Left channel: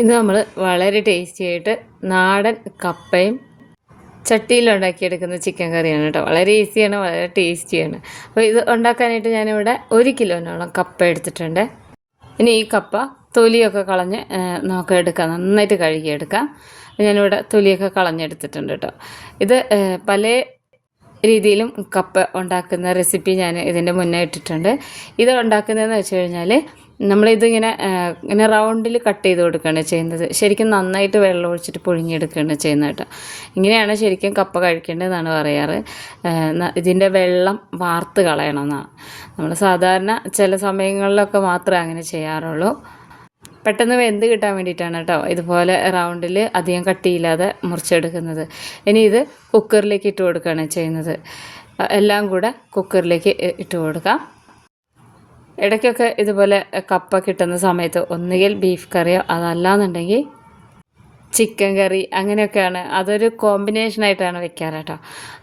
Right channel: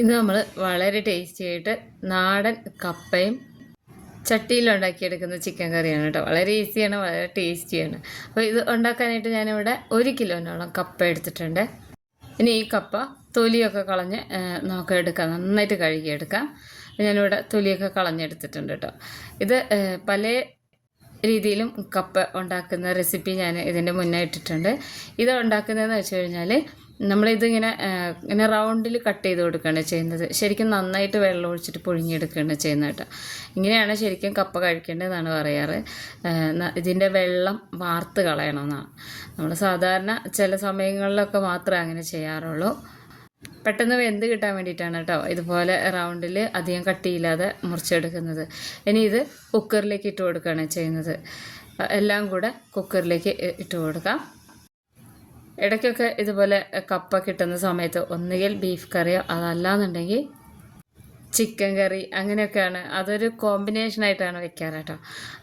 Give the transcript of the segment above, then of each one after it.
ഇന്ന് നമ്മൾ വളരെ ടേസ്റ്റി ആയിട്ട് നാടൻ കപ്പയും ചട്ടിയിൽ ഉണ്ടാക്കിയെടുക്കുന്ന ചിക്കൻ കറിയാണ് കേട്ടോ. വളരെ ഈസിയാണ് വളരെ ടേസ്റ്റിയാണ് അപ്പോൾ ഇത് ഉണ്ടാക്കാനായിട്ട് ഞാനിവിടെ ഒരു കിലോനോളം കപ്പ എടുത്തിട്ടുണ്ട്. ഇനി ഈ കപ്പ തൊലിയൊക്കെ കളഞ്ഞ് നമുക്ക് എടുക്കാം. നന്നായിട്ട് കഴുകിയെടുക്കാം. ഞാനിവിടെ തൊലിയൊക്കെ കളഞ്ഞെടുത്തിട്ടുണ്ട് കേട്ടോ. ഇത് പല രീതിയിലും കപ്പ ഉണ്ടാക്കുന്ന റെസിപ്പി ഞാൻ ഇതിന്റെ മുന്നേ ഇട്ടിട്ടുണ്ട്. ഇത് ഉണ്ടാക്കുന്നതെന്ന് വെച്ച് കഴിഞ്ഞാൽ നമ്മളിതിങ്ങനെ ഇങ്ങനെ റൗണ്ടിൽ കട്ട് ചെയ്ത് കൊടുക്കുകയാണ് ചെയ്യുന്നത്. ശരിക്കും നന്നായിട്ട് വെള്ളം ഒഴിച്ചിട്ട് പുഴുങ്ങിയെടുക്കുകയാണ് ചെയ്യുന്നത് കേട്ടോ. ഇങ്ങനെയാണ് ശരിക്കും കപ്പ കഴിക്കേണ്ടതെന്നാണ് പറയാറ്. ഇതിന്റെ വെള്ളം വാർത്ത് കളയണമെന്നാണ്. നമ്മൾ സാധാരണ ചില സമയങ്ങളിലൊക്കെ മാത്രമേ അങ്ങനെ ചെയ്യാറുള്ളൂ. പെട്ടെന്ന് വെന്ത് കിട്ടാൻ വേണ്ടിയിട്ടാണ് കേട്ടോ ഇതുപോലെ റൗണ്ടിൽ അധികം കട്ടിയില്ലാതെ മുറിച്ചെടുക്കുന്നത്. ഇനി ഇത് കുക്കറിലേക്ക് ഇട്ട് കൊടുക്കുകയാണ് ചെയ്യുന്നത്. എല്ലാം കൂടെ കുക്കറിലേക്ക് ഇട്ട് കൊടുക്കാം. ഇടയ്ക്കൊക്കെ ഇതുപോലെ കപ്പ കിട്ടുന്ന സമയത്ത് ഒന്നുകിൽ ബീഫ് കറിയോ അതല്ലാന്നുണ്ടെങ്കിൽ ചിക്കൻ കറി അങ്ങനെയൊക്കെയാണ്. അതൊരു കോമ്പിനേഷനായിട്ടാണ് വെക്കാറ് കേട്ടോ.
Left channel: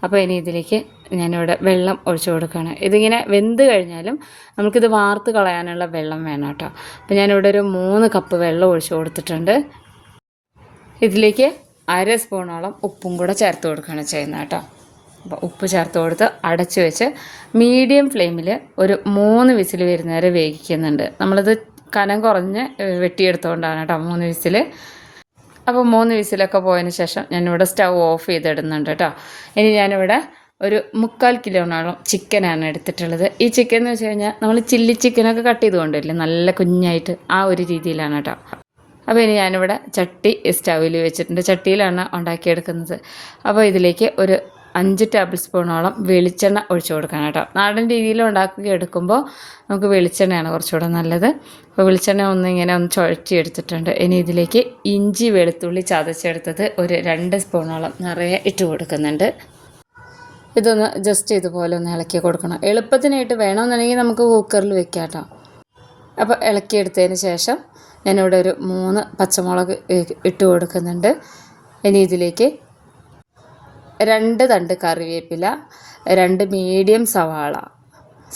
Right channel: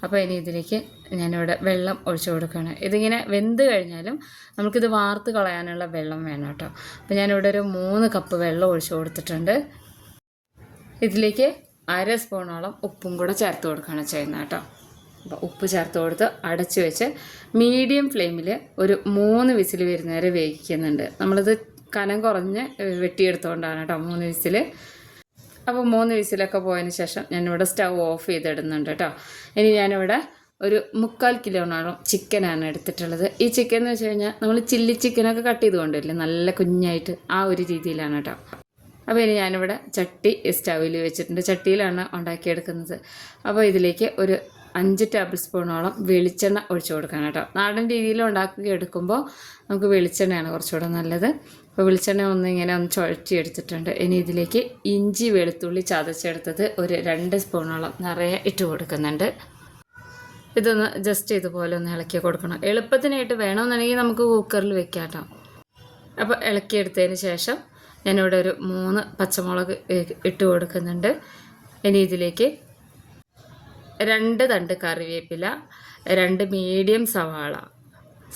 അപ്പോൾ ഇനി ഇതിലേക്ക് ഞാനിവിടെ വെള്ളം ഒഴിച്ചു കൊടുക്കുകയാണ്. ഇതിങ്ങനെ വെന്ത് കഴിഞ്ഞാലും നമുക്കിത് വാർത്ത് കളയാനുള്ള വെള്ളം വേണം കേട്ടോ. അപ്പോൾ ഞാനിവിടെ ഒരു മൂന്ന് കപ്പ് വെള്ളം ഒഴിച്ചു കൊടുത്തിട്ടുണ്ട്. ഇതിലേക്ക് അര സ്പൂണോളം ഉപ്പും കൂടെ ചേർത്ത് കൊടുക്കുകയാണ് ചെയ്യുന്നത് കേട്ടോ. അപ്പോൾ ഉപ്പ് ചേർത്ത് കൊടുത്ത് അടച്ചു വെച്ച് മീഡിയം ഫ്ലെയിമിൽ ഒരു മൂന്ന് വിസിൽ വരുന്ന വരുന്നവരെ വേവിക്കുന്നുണ്ട്. നമ്മളിത് കനം കുറഞ്ഞ് വെട്ടിയെടുത്തുകൊണ്ടാണ് കേട്ടോ മൂന്ന് വിസിൽ അപ്പോൾ മൂന്ന് വിസിലൊക്കെ പോയതിന് ശേഷം ഞാനിവിടെ സ്റ്റവ് ഓഫ് ചെയ്തിടുന്നുണ്ട് കേട്ടോ. ഇനി ഞാനിവിടെ ഒരു മുക്കാൽ കിലോണോളം ചിക്കനാണ് എടുത്തിട്ടുള്ളത്. ഈ ചിക്കൻ എന്ന് വെച്ച് കഴിഞ്ഞാൽ നമ്മൾ ചില്ലി ചിക്കനൊക്കെ കട്ട് ചെയ്ത് കൊണ്ടുവരില്ലേ? നല്ല കുഞ്ഞായിട്ട് ആ ഒരു രീതിയിലാണ് കേട്ടോ. അപ്പോൾ ഇനി ഞാനിവിടെ ചട്ടി സ്റ്റൗവിൽ വെച്ചിട്ടുണ്ട്. ചട്ടിയിലാണ് ഉണ്ടാക്കിയെടുക്കുന്നത്. അപ്പോൾ ഇതിലേക്ക് ഒരു അഞ്ച് ടേബിൾ സ്പൂണോളം വെളിച്ചെണ്ണ ഒഴിച്ചു കൊടുക്കണം കേട്ടോ. നാടൻ രീതിയിൽ ഉണ്ടാക്കി എടുക്കുമ്പോൾ നമുക്ക് വെളിച്ചെണ്ണയാണ് കുറച്ചുകൂടെ നല്ലത്. അപ്പോൾ വെളിച്ചെണ്ണ ഒന്ന് ഇങ്ങനെ ഒന്ന് ചുഴറ്റി എടുത്തിട്ടുണ്ട്. ഇനി ഇതിലേക്ക് ഇഞ്ചി വെളുത്തുള്ളി ചതച്ചെടുത്തത് ഒരു രണ്ട് സ്പൂണോളം നിറയെ ഇട്ട് കൊടുക്കുന്നുണ്ട്. ഇതൊന്ന് ജസ്റ്റ് ഇതുപോലെ ഒന്ന് ഇളക്കി കൊടുക്കണം. എളുപ്പത്തിനായിട്ട് വേണമെന്നുണ്ടെങ്കിൽ നമുക്ക് കുക്കറിൽ വെക്കാം കേട്ടോ. അപ്പോൾ ഇളക്കിയെടുത്തതിന് ശേഷം ഞാനിവിടെ ഒരു മൂന്ന് പച്ചമുളക് ഇട്ട് കൊടുക്കുന്നുണ്ട്. ഇനി ഇതിലേക്ക് രണ്ട് തണ്ട് കറിവേപ്പില രണ്ട് മീഡിയം സവാള.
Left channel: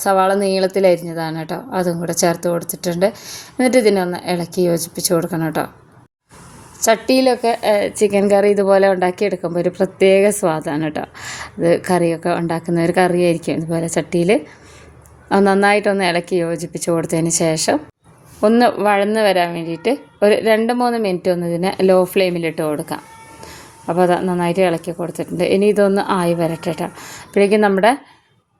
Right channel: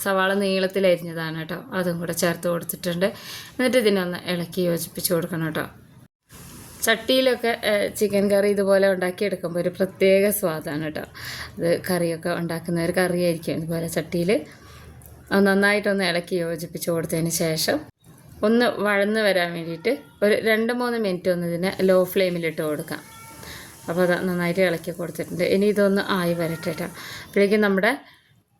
സവാള നീളത്തിൽ അരിഞ്ഞതാണ് കേട്ടോ അതും കൂടെ ചേർത്ത് കൊടുത്തിട്ടുണ്ട്. എന്നിട്ട് ഇതിനൊന്ന് ഇളക്കി യോജിപ്പിച്ച് കൊടുക്കണം കേട്ടോ ചട്ടിയിലൊക്കെ ചിക്കൻ കറി ഇതുപോലെ ഉണ്ടാക്കിയെടുക്കുമ്പോൾ ഒരു പ്രത്യേക സ്വാദാണ് കേട്ടോ അത് കറിയൊക്കെ ഉണ്ടാക്കുന്ന ഒരു കറിയായിരിക്കും ഇതുപോലെ ചട്ടിയിൽ. നന്നായിട്ടൊന്ന് ഇളക്കി യോജിപ്പിച്ച് കൊടുത്തതിന് ശേഷം ഒന്ന് വഴന്ന് വരാൻ വേണ്ടിയിട്ട് ഒരു രണ്ട് മൂന്ന് മിനിറ്റ് ഒന്ന് ഇതിനെ ലോ ഫ്ലെയിമിലിട്ട് കൊടുക്കാം. അപ്പോൾ അത് നന്നായിട്ട് ഇളക്കി കൊടുത്തിട്ടുണ്ട്. ഇനി ഇതൊന്ന് ആയി വരട്ടെ കേട്ടോ അപ്പോഴേക്കും നമ്മുടെ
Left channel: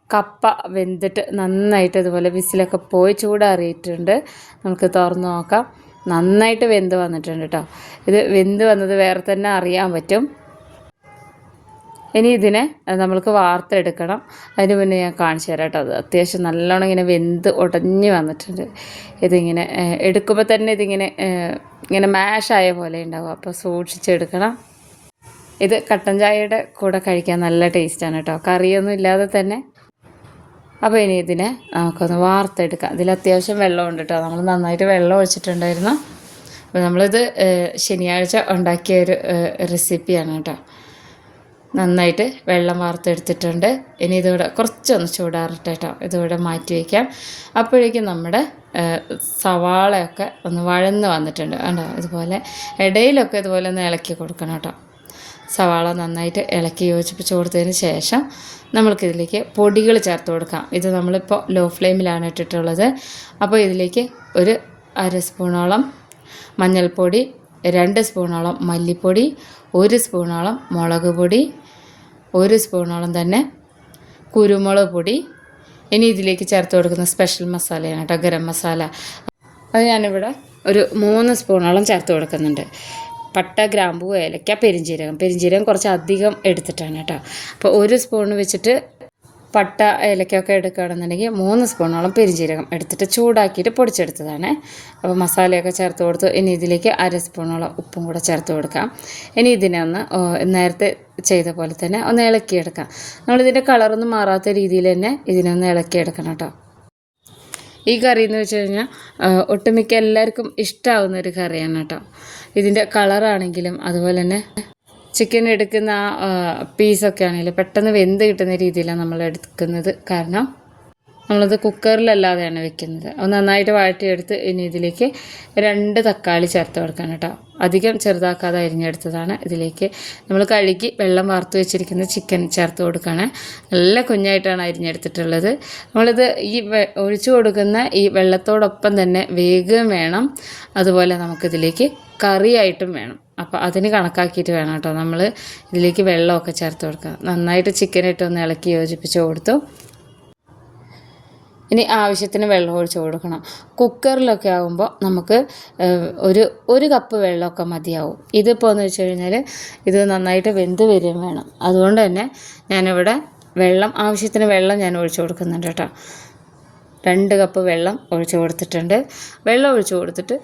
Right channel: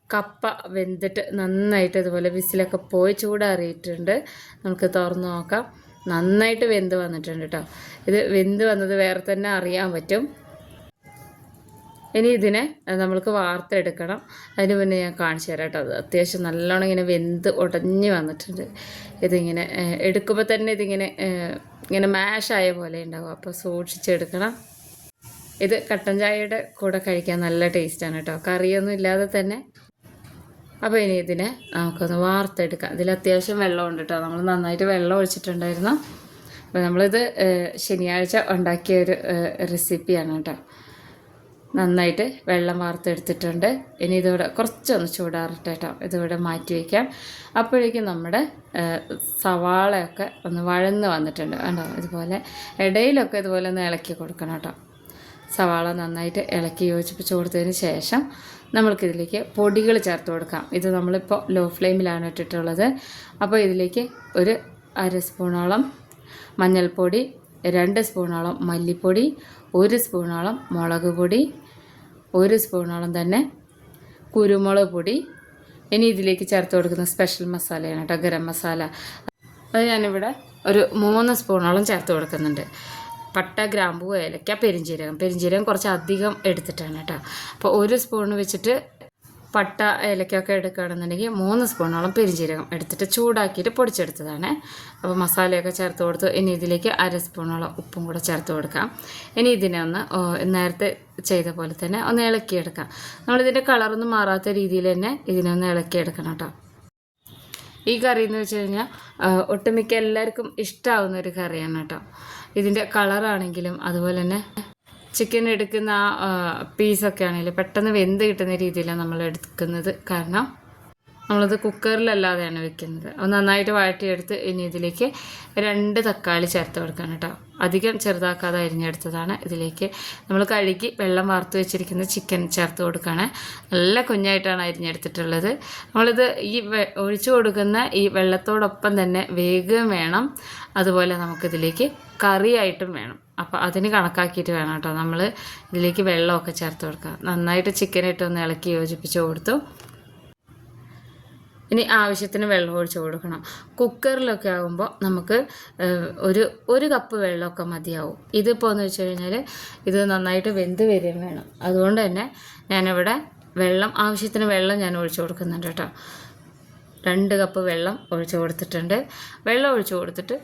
കപ്പ വെന്തിട്ട് നന്നായിട്ട് ഇതുപോലെ വിസിലൊക്കെ പോയി ചൂടാറിയിട്ടുണ്ട്. നമുക്ക് തുറന്ന് നോക്കാം. നന്നായിട്ട് വെന്ത് വന്നിട്ടുണ്ട് കേട്ടോ ഇത് വെന്ത് വന്നത് വേറെ തന്നെ അറിയാൻ പറ്റും. ഇനി ഇതിനെ നമ്മൾക്ക് വാർത്തെടുക്കണം. അതിന് മുന്നേ ഞാൻ കാണിച്ചു തരാം കേട്ടോ അത് അത്യാവശ്യം നല്ലോണം ഇങ്ങനെ വെന്ത് ഉടഞ്ഞ് വന്നിട്ടുണ്ട്. ഇതിങ്ങനെ എടുക്കുമ്പോൾ തന്നെ ഇതിങ്ങനെ ഇങ്ങനെ മാഷായ പോലെ ഉണ്ടാവും. അപ്പോൾ സൂക്ഷിച്ചെടുക്കണം. ഇത് കട്ടൻ ചായയുടെ കൂടെ കഴിക്കാൻ നല്ല ടേസ്റ്റാണ് കേട്ടോ. കറിയൊന്നും ഇല്ലാതെ തന്നെ. അപ്പോൾ ഇനി ഇതിനെ നമുക്കൊന്ന് വാർത്തെടുക്കാം. ഇതിൽ അത്യാവശ്യം വെള്ളമുണ്ട് കേട്ടോ. നമ്മൾ നന്നായിട്ട് വെള്ളം ഒഴിച്ചിട്ടുണ്ടായിരുന്നു. അപ്പോൾ നമ്മളിത് ശനിയാഴ്ച ഉണ്ടാക്കിയ ഒരു റെസിപ്പിയാണ് കേട്ടോ. നന്നായിട്ട് വെള്ളം വാർത്തെടുത്തിട്ടുണ്ട്. ഇനി ഇതിവിടെ കുറച്ചൊന്ന് ചൂടാറട്ടെ കേട്ടോ. ഇതിവിടെ മാറ്റി വയ്ക്കാം. അപ്പോഴേക്കും നമ്മുടെ സവാളയൊക്കെ ഒന്ന് വഴന്ന് വന്നിട്ടുണ്ട്. കണ്ടോ? ഇതുപോലെ ഇടയിലൊക്കെ ഇതുപോലെ ഒന്ന് ഇളക്കി കൊടുക്കണം കേട്ടോ. സവാള നന്നായിട്ട് ഇളക്കി യോജിപ്പിച്ച് കൊടുത്തതിന് ശേഷം നമ്മൾക്കിതിലേക്ക് പൊടികൾ ചേർത്ത് കൊടുക്കാം. ഇത് നമ്മളിപ്പോൾ ലോ ഫ്ലെയിമിലാണ് ഇട്ടിട്ടുള്ളത്. അപ്പോൾ ഇതിലേക്ക് ഒരു അര സ്പൂണോളം മഞ്ഞൾപ്പൊടി രണ്ട് സ്പൂണോളം മല്ലിപ്പൊടി ഒരു സ്പൂണോളം മുളക് പൊടി ഒരു സ്പൂണോളം തന്നെ കുരുമുളക് പൊടി. ഇനി ഇതിലേക്ക് ചേർത്ത് കൊടുക്കുന്ന സ്പെഷ്യൽ മസാലയാണ് കേട്ടോ ഗരം മസാല അത് ഞാനിവിടെ ഒരു മൂന്ന് സ്പൂണോളം ചേർത്ത് കൊടുക്കുന്നുണ്ട്. പട്ട ഗ്രാമ്പൂ ഏലക്ക പെരിഞ്ജീരകം പെരിഞ്ജീരകം കുറച്ച് അധികം എടുത്തിട്ടാണ് കേട്ടോ. അപ്പോൾ ഒരു സ്പൂൺ വെച്ചിട്ട് പട്ട ഏലക്കൊക്കെ എടുക്കുകയാണെന്നുണ്ടെങ്കിൽ മൂന്ന് സ്പൂണോളം പെരിഞ്ജീരകം എടുത്തിട്ട് ചൂടാക്കിയിട്ട് പൊടിച്ചെടുത്തതാണ്. അപ്പോൾ മസാലയൊക്കെ ചേർത്ത് കൊടുത്തു. ഇനി ഇതിലേക്ക് അര സ്പൂണോളം ഉപ്പും കൂടെ ചേർത്ത് കൊടുക്കാം. ഇനി ഇതിനെ ഒന്ന് നേരത്തെ ചെയ്ത പോലെ തന്നെ ഒന്ന് ഇളക്കിയെടുക്കാം. നമ്മളിതിന്റെ കളറൊന്നും മാറാത്ത രീതിയിൽ തന്നെ ഇതിനൊന്ന് ഇളക്കിയെടുക്കണം കേട്ടോ. ഈ കറി എന്ന് വെച്ച് കഴിഞ്ഞാൽ ഒട്ടുമിക്ക എല്ലാവർക്കും ഇഷ്ടമാവുന്ന ഒരു കറിയാണ് കേട്ടോ. ഇതിന്റെ കളറാണെങ്കിലും അതുപോലെ തന്നെ ചിക്കൻ എടുക്കുന്ന ആ പീസൊക്കെ ആണെങ്കിലും പെട്ടെന്ന് വെന്ത് കിട്ടുന്ന രീതിയിലാണ് നമ്മൾ എടുക്കുന്നത്. കാരണം നമ്മളിത് കുക്കറിലല്ലാതെയാണ് വെക്കുന്നത്. അത് നന്നായിട്ട് വഴറ്റിയെടുത്ത് ഇനി ഇതിലേക്ക് രണ്ട് തക്കാളി ചേർത്ത് കൊടുക്കണം കേട്ടോ. അധികം ചെറുതാക്കാതെ അരിഞ്ഞെടുത്തതാണ്. ഇതിലേക്ക് നമ്മൾ കഴുകി വെള്ളം വാർത്ത് വെച്ചിരിക്കുന്ന ചിക്കൻ ചേർത്ത് കൊടുക്കുകയാണ് നല്ല കുഞ്ഞായിട്ടാണ് അരിഞ്ഞെടുത്തിട്ടുള്ളത്. നമ്മളിത് ഈ ഒഴിച്ചു കൊടുക്കുന്ന ഈ വെള്ളത്തോടൊപ്പം തന്നെ വേഗം വേണം. അതുപോലെ നമുക്കിതിലേക്ക് കറിയായിട്ടും വേണം. അപ്പോൾ അതിന് കണക്കാക്കിയിട്ട് വേണം കേട്ടോ. നമ്മൾ ഇതിലേക്ക് വെള്ളമൊക്കെ ചേർത്ത് കൊടുക്കുക നന്നായിട്ട് ചിക്കൻ ഇട്ടൊന്ന് ഇളക്കി യോജിപ്പിച്ച് കൊടുത്തു. ഇനി ആവശ്യത്തിന് വെള്ളം ഒഴിച്ച് കൊടുക്കണം. കുക്കറിലൊക്കെ ആകുമ്പോൾ നമുക്ക് ഒരു ഒരു കപ്പ് വെള്ളമൊക്കെ മതിയാവും. ഇതിപ്പോൾ എന്ന് വെച്ച് കഴിഞ്ഞാൽ ഇത് നന്നായിട്ട് വെന്ത് വരികയും വേണം. അതുകൊണ്ട് തന്നെ ഞാനിവിടെ വെള്ളം ആവശ്യത്തിന് വെള്ളം ഞാൻ ഒഴിച്ചു കൊടുക്കുന്നുണ്ട് കേട്ടോ. രണ്ട് കപ്പ് വെള്ളം ഒഴിച്ചു കൊടുത്തിട്ടുണ്ട്. വെള്ളം ഒഴിച്ചു കൊടുത്തിട്ട്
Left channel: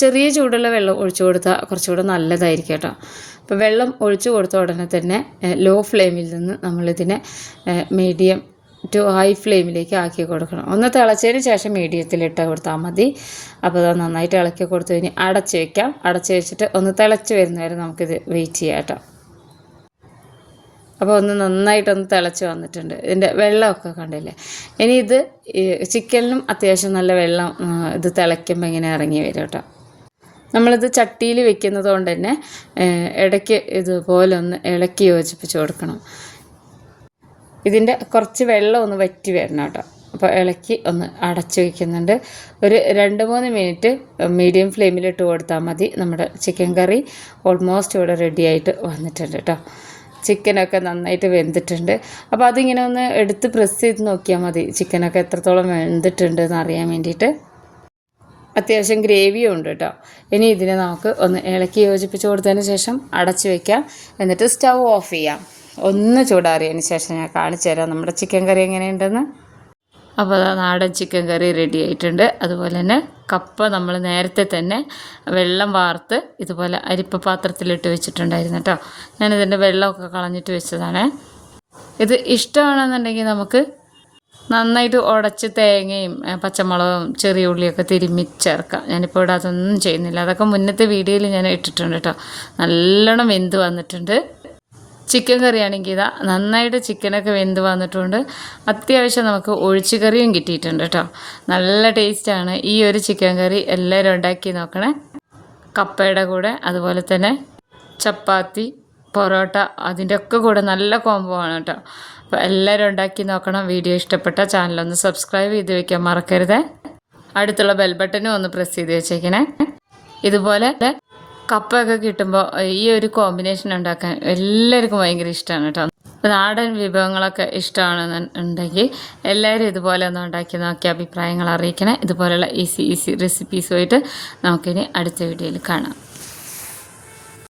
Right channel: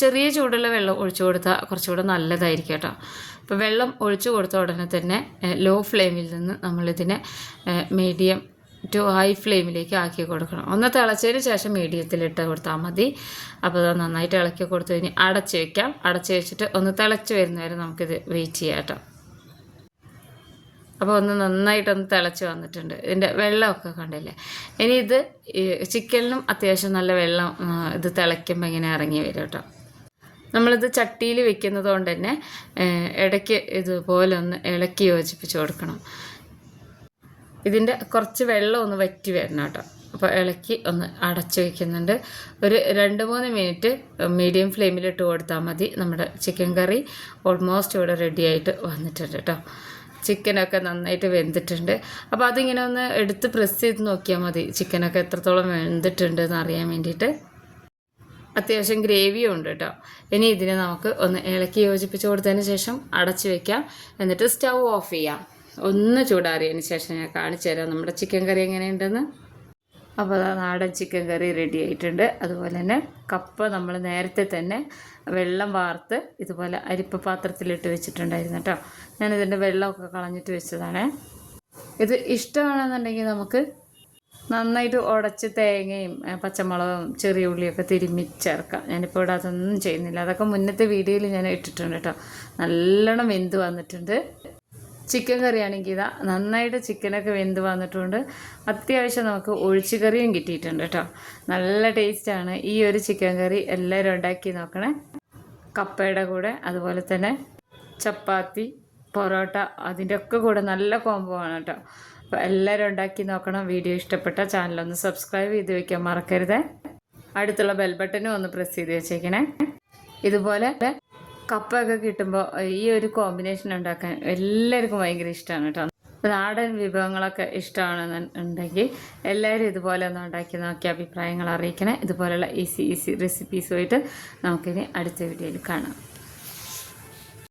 ചെറിയ ചൂടുള്ള വെള്ളം ഒഴിച്ചു കൊടുത്താൽ കുറച്ചുകൂടെ നല്ലതായിരിക്കും കേട്ടോ. അപ്പോൾ വെള്ളം ഒഴിച്ചു കൊടുത്ത ഉടനെ തന്നെ ലോ ഫ്ലെയിമിൽ നിന്ന് നമ്മളിതിനെ മീഡിയം ടു ഹൈ ഫ്ലെയിമിലേക്ക് ആക്കി കൊടുക്കണം. ഒന്ന് തിളച്ചതിന് ശേഷം മീഡിയത്തിൽ ഇട്ട് കൊടുത്താൽ മതി. അപ്പോൾ അത് നന്നായിട്ട് ഇളക്കി കൊടുത്തു. കഴിഞ്ഞ് അടച്ച് വയ്ക്കാം അടച്ച് വെച്ചിട്ട് ഒന്ന് തിളച്ച് വരുന്നവരെ നമുക്കിത് വെയിറ്റ് ചെയ്യാം കേട്ടോ. അപ്പോൾ ഒന്ന് നന്നായിട്ടൊന്ന് തിളച്ച് വന്നിട്ടുണ്ട്. ഇതിന്റെ വെള്ളമൊക്കെ കണ്ടില്ലേ? ഇനി ഇത് ചിക്കനിലും അത്യാവശ്യം നല്ല വെള്ളം ഇത് തിളയ്ക്കുമ്പോൾ ഇങ്ങനെ ഇറങ്ങി വരും കേട്ടോ. നമ്മളിത് ചട്ടിയിൽ വെക്കുന്നത് കൊണ്ട് തന്നെ ഇടയ്ക്ക് ഇതുപോലെ ഒന്ന് ഇളക്കി യോജിപ്പിച്ച് കൊടുക്കണം. ഇതിന്റെ കുറച്ച് വെള്ളം ഒന്ന് വറ്റി വരണം കേട്ടോ. അപ്പോൾ ഇളക്കി ഒന്ന് അടച്ചു വയ്ക്കുന്നുണ്ട് ഒരു രണ്ട് മൂന്ന് മിനിറ്റ് മീഡിയം ഫ്ലെയിമിലിട്ട് കൊടുത്താൽ മതി. നമ്മുടെ ചിക്കൻ കറി ഓൾമോസ്റ്റ് ഇവിടെ റെഡി ആയിട്ട് വന്നിട്ടുണ്ട് കേട്ടോ. ചിക്കനൊക്കെ നന്നായിട്ട് വെന്തിട്ടുണ്ട്. അപ്പോൾ അതിങ്ങനെ ഒന്ന് എടുത്ത് പ്രസ് ചെയ്ത് നോക്കിയാൽ മതി. ചിക്കനൊക്കെ എത്രത്തോളം വെന്തിട്ടുണ്ട് എന്ന് അറിയാൻ വേണ്ടിയിട്ട്. അത്യാവശ്യം ഗ്രേവിയും ഉണ്ട് കേട്ടോ. ഇനി ഇതിനെ നമുക്ക് ഒന്ന് ഇളക്കി യോജിപ്പിച്ച് കൊടുത്തതിന് ശേഷം അടച്ചു വയ്ക്കാം എന്നിട്ട് സ്റ്റൗ ഓഫ് ചെയ്യാം. ഒന്ന് ചൂടാറിയതിന് ശേഷം ഞാൻ കാണിച്ചു തരാം. നമ്മുടെ ചിക്കൻ കറി എങ്ങനെയുണ്ടെന്ന്. അപ്പോൾ നാടൻ ചിക്കൻ കറി റെഡി ആയിട്ടുണ്ട്. അതുപോലെ തന്നെ കപ്പ നമ്മൾ നേരത്തെ തന്നെ വെള്ളം വാർത്ത് ഇതുപോലെ അരിപ്പ പാത്രത്തിലിട്ട് വെച്ചിട്ടുണ്ടായിരുന്നു കേട്ടോ. ഞാനിതിന്റെ വെള്ളമൊക്കെ കളഞ്ഞിട്ട് വെച്ചതാണ്. ഇത് ഇഷ്ടമാണെന്നുണ്ടെങ്കിൽ നമുക്ക് നന്നായിട്ട് ഉടച്ച് തേങ്ങയും പച്ചമുളകും ചെറിയ ഉള്ളിയൊക്കെ തിരുമ്മി ചേർക്കാം. ഞാനിപ്പോൾ ഇവിടെ അതൊന്നും ചെയ്യുന്നില്ല. അതൊക്കെ മുന്നത്തെ വീഡിയോയിൽ ഞാൻ ഇട്ടിട്ടുണ്ട് കേട്ടോ. നല്ലോണം വെന്ത് വന്നിട്ടുണ്ട്. ചിക്കൻ കറിയാണെങ്കിൽ ഇതാ നന്നായിട്ട് ചിക്കനൊക്കെ വെന്ത് വന്നിട്ടുണ്ട്. അത്യാവശ്യം നമുക്ക് ഒഴിച്ചു കറിയും കിട്ടിയിട്ടുണ്ട് കേട്ടോ. നല്ല ടേസ്റ്റാണ് ഈ ഒരു ചിക്കൻ കറി എല്ലാവരും ഉണ്ടാക്കി നോക്കണേ. കപ്പയുടെ കൂടെ അതുപോലെ തന്നെ ചപ്പാത്തി പൊറോട്ട അതിന്റെ ഒക്കെ കൂടെ നല്ല കോംബോ ആണ് കേട്ടോ. അപ്പോൾ എല്ലാവരും ഉണ്ടാക്കി നോക്കണം. വീഡിയോ ഇഷ്ടപ്പെട്ട ചാനലൊന്ന് സബ്സ്ക്രൈബ് ചെയ്ത് വെക്കാൻ മറക്കരുത്. അടുത്തുള്ള ബെൽ ബട്ടനും ഒന്ന് പ്രസ് ചെയ്ത് വെച്ചേക്കണേ. ഇതുപോലെ കപ്പയൊക്കെ കിട്ടുമ്പോൾ ഈ ഒരു കോമ്പിനേഷൻ ഉണ്ടാക്കാൻ എല്ലാവർക്കും ഭയങ്കര ഇഷ്ടമാണ് കേട്ടോ. നാടൻ വിഭവങ്ങളൊക്കെ ഇഷ്ടമാണെന്നുണ്ടെങ്കിൽ എല്ലാവരും ഇതുപോലെ ഒന്ന് ഉണ്ടാക്കി നോക്കി അഭിപ്രായങ്ങൾ അറിയിക്കണേ. ഇതുപോലെയുള്ള ഈസി ഈസി റെസിപ്പീസുമായിട്ട് നമുക്കിനി അടുത്ത വീഡിയോയിൽ കാണാം.